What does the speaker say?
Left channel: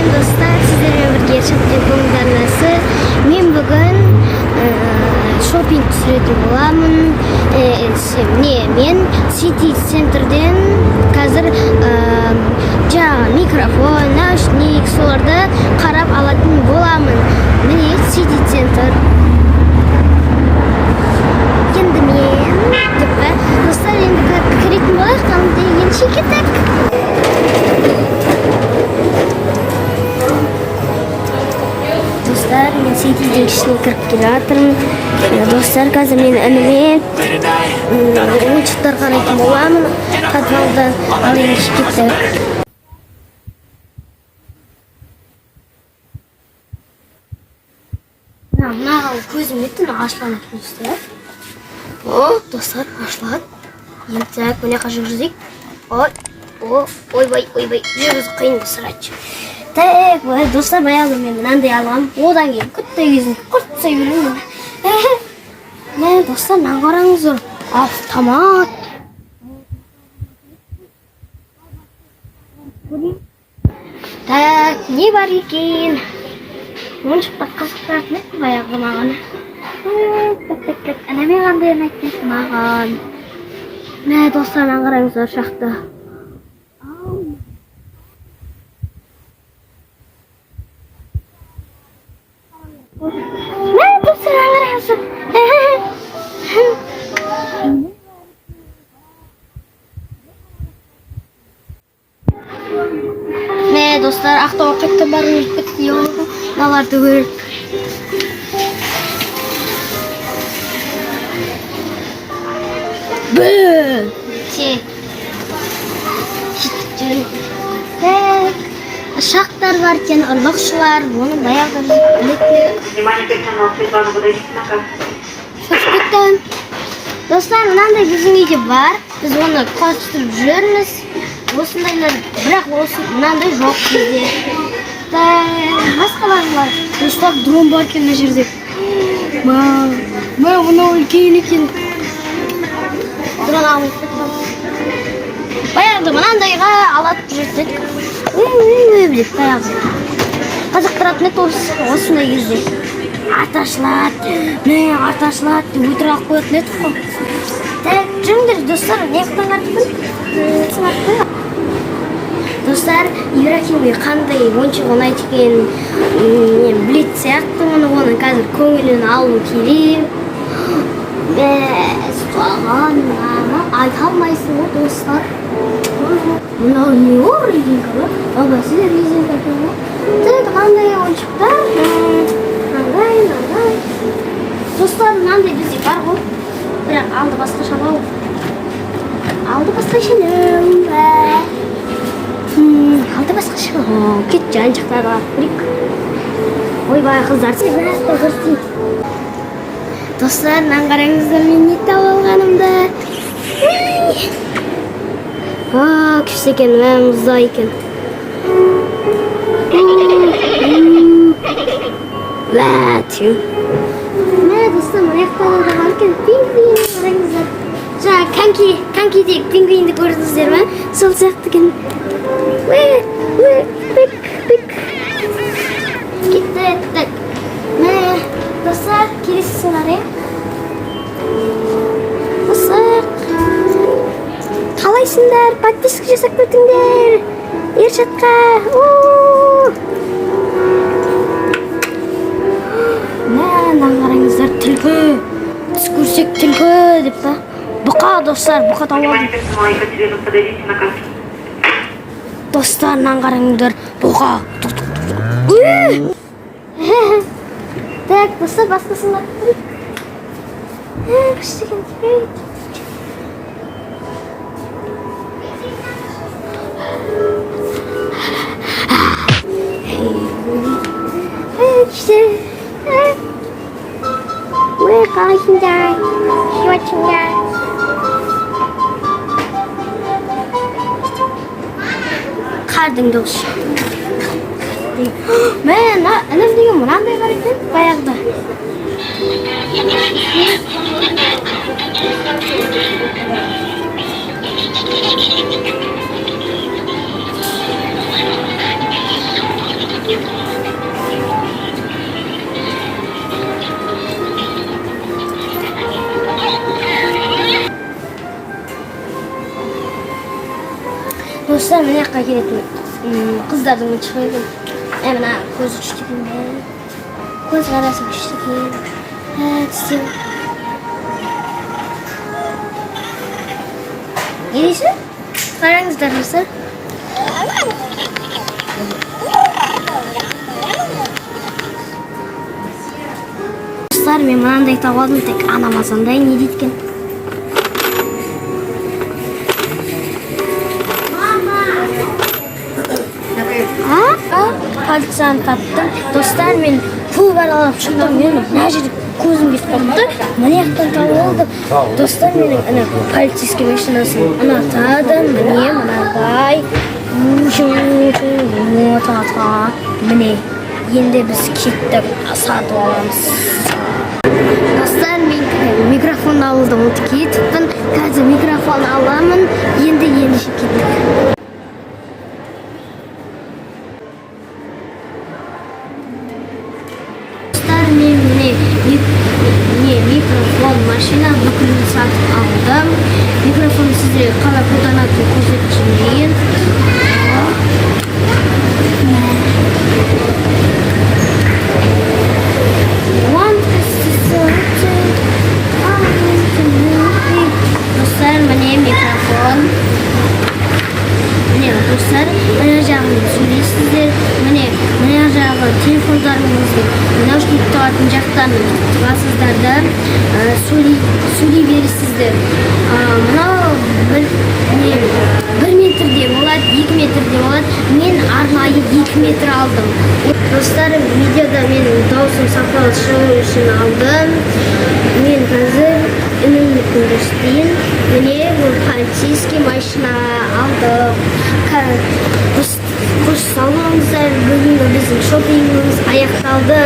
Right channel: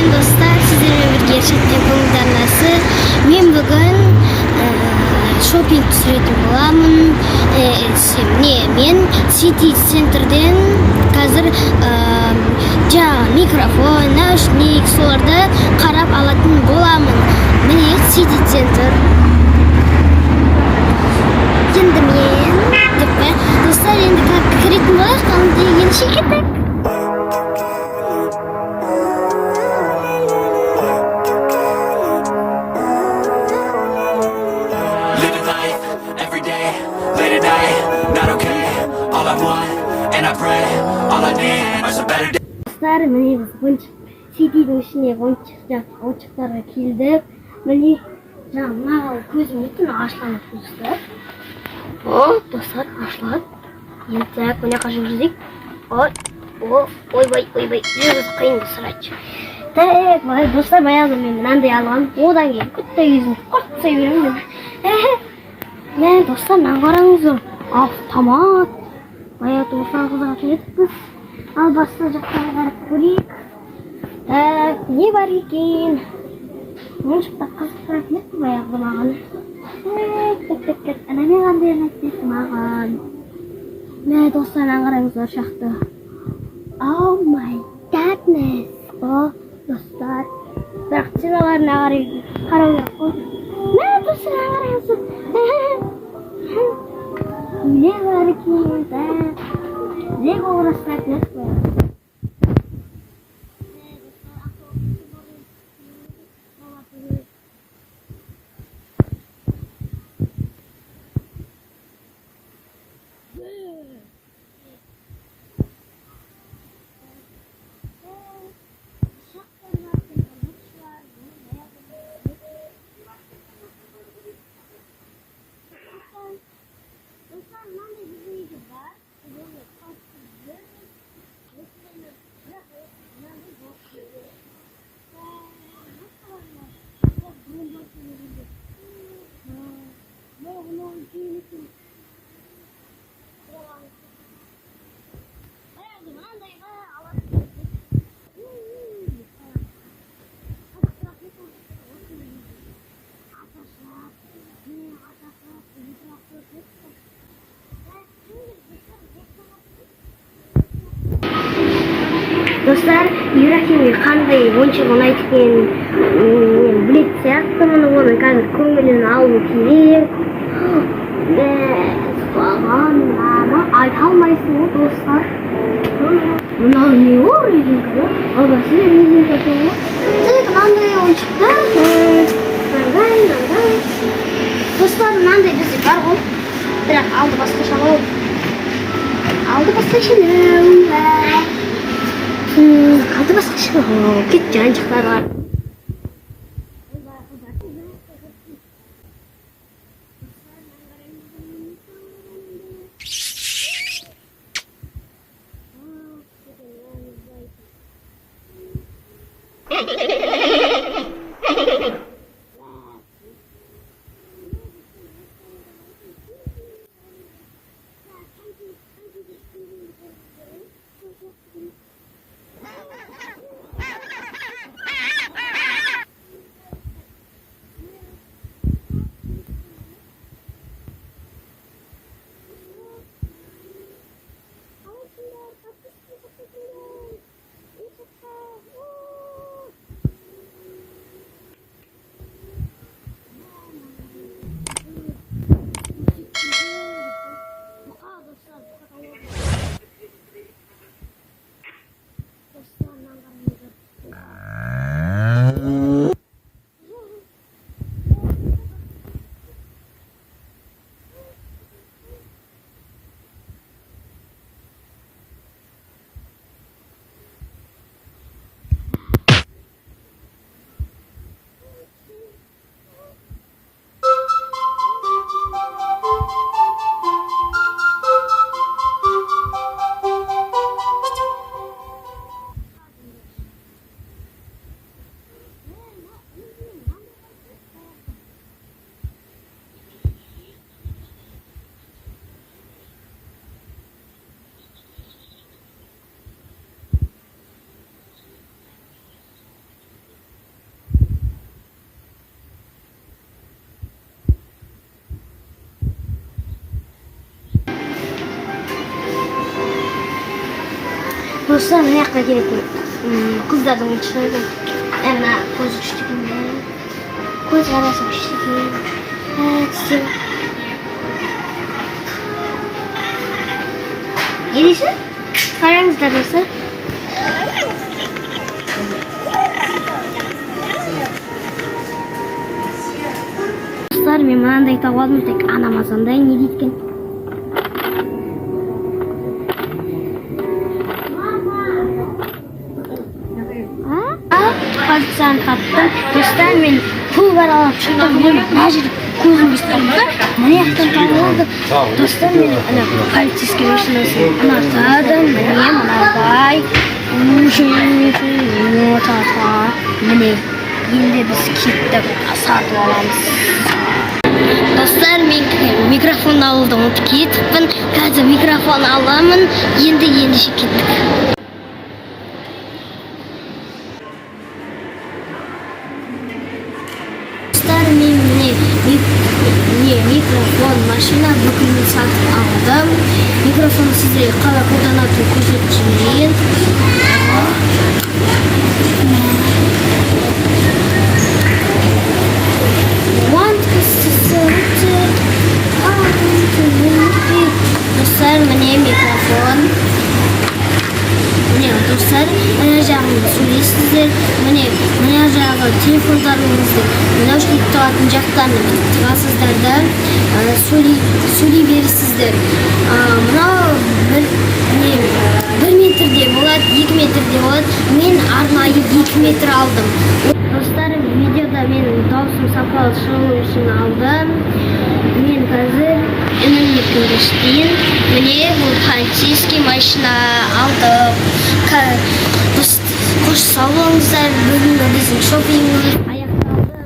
Ekan dostlar, sizlerle birge Şatdin ko'ngillarnasi. Men bugun shopping tushirib bo'laman. Men City Center'dan hozir mikrofon, naushnik so'larda qarab oladigan bo'laman. Meni City Center. Endi men dostlar, endi kirib bo'lar, qanday yenishi kerak. City ishga kirib kelayotirim. Do'stlar, hozir men inilib oyinchoqlarga boraman. Qatnashdan olishib ketdi. Do'stlar, men City ishga oyinchoqlarga keldik. Meni mana ko'zim yetin ochlanib do'stlar. Do'stlar, ochlan. Endi buni qashib yurdik. Oy voy. Yurib qiyin sirach. Так, достар, баягы мен мынандай алгам. Одан кийин күттө жүзүн куртса берем. Мен достар, мына караңыздар. Автомат. Баягы тофан кызга кетпиз. Ал башка жактан карап көрөйүк. Так, не бар экен? Мынча кызыктырат эмес баягы маган. Так. Ана мен кандай айтты маган. Мына достар, мына караңыздар шакта. Oh my goodness. Dostlar, bırakçılarına kararlı. Ne dostlar arıyorsun? Ne var ki ne uğraşsak ne? Ne dostlar, akta vakitte barın bitti yolda. Nalar dövür. Bıı. Шахтар бар екен, ұрлықшылар, оны баяғыда білетілі. Достар, мынандай біздің үйде бар. Біз оны қосып жүрміз. Осындайлар, бірақ мынандай жоқ бізде. Басқалар бар. Достар, дрон бар екен мына жерде. Мынау үлкен екен. Дрон алмай кетті. Баяғыда мынандайға алып жүрдік. Bilip баягы. Казактырат не осындай кезде. Аташлат, деп өтірік қояды не тұқы. Так, жүріңдер, достар, не қылыңдар Достар, Ибрахимге қандай ойыншық ұнайды екен білет сияқтымын, оны қазір көңілін алу керек. Айта алмайсың ғой, достар. Мынау не ор резинка бар? Сізде резинка екен ғой. Тек қандай ойыншықтар? Достар, мынандай бізде бар ғой. Бірақ алды басқаша ғой. Кет жан жақтарға барып көрейік. Ойбай қыздар. Достар, мынаны қараңыздар, мен не тауып алғанымды. Күшті екен, мұзда екен. Мә, достар, мына жақтарда бар екен, пингвин қараңыздар. Жаңа конькидегі пингвинді көрдіңіздер ме? Сол сияқты екен. Кетті. Мә, достар, келесі сценарий. Достар, қалайсыңдар? Подписка жасап көрдіңдер. Ершатқа. Мына қараңыздар, түлкі. Түс көрсек түлкі деп па. Бұқа, достар, бұқа тауып. Достар, мына қараңыздар, бұқа. Так, достар, басқасында көрейік. Күшті екен, көрейік. Қалайсыңдар? Шуатсыңдар? Қардың дауысы. Мен, інім деген мынандай бар екен, баяғыда. достар, мына жаққа келетін қыздардың шығады. Мына көзі күшті екен. Көз қарасы күшті екен. Тістер. Не дейсіз? Қараңыздар достар. Достар, мен мынандай тауып алдым, тек анамасандай не дейді екен. Пальцем таптым. Достар, мен пул бар алып шықтым. Мен мына жерде көзім кесіп қалды. Мына жақтан тауып алдым. Достар, мен полицейский машинасын ұнатадым. Міне мынадай. Міне енді біз кеттік, сатып аламыз. Достар, мен микрофон алуды ұмытып кетіппін. Қазір микрофон аламын. Енді кеттік. Мен микрофон, машина бүкілін сатып алдым. Микрофон сіздерге қалай қолданатынын көрсетіп жіберейін. Достар, міне микрофон. Міне достар, мына жағын сөйлейсіздер. Міне жағы телефондарыңызды наушник тұратын жақтан тығасыздар да сөйлей бересіздер. Мынау 1 метрде болады, 2 метрде болады. Мен арнайы 2 метр алдым. Достар, видеода менің даусым сапалы шығу үшін алдым. Мен қазір үнімді көрсетейін. Міне бұл полицейский машина алдым. Қош сау болыңыздар, бүгінгі біздің шопингіміз аяқталды.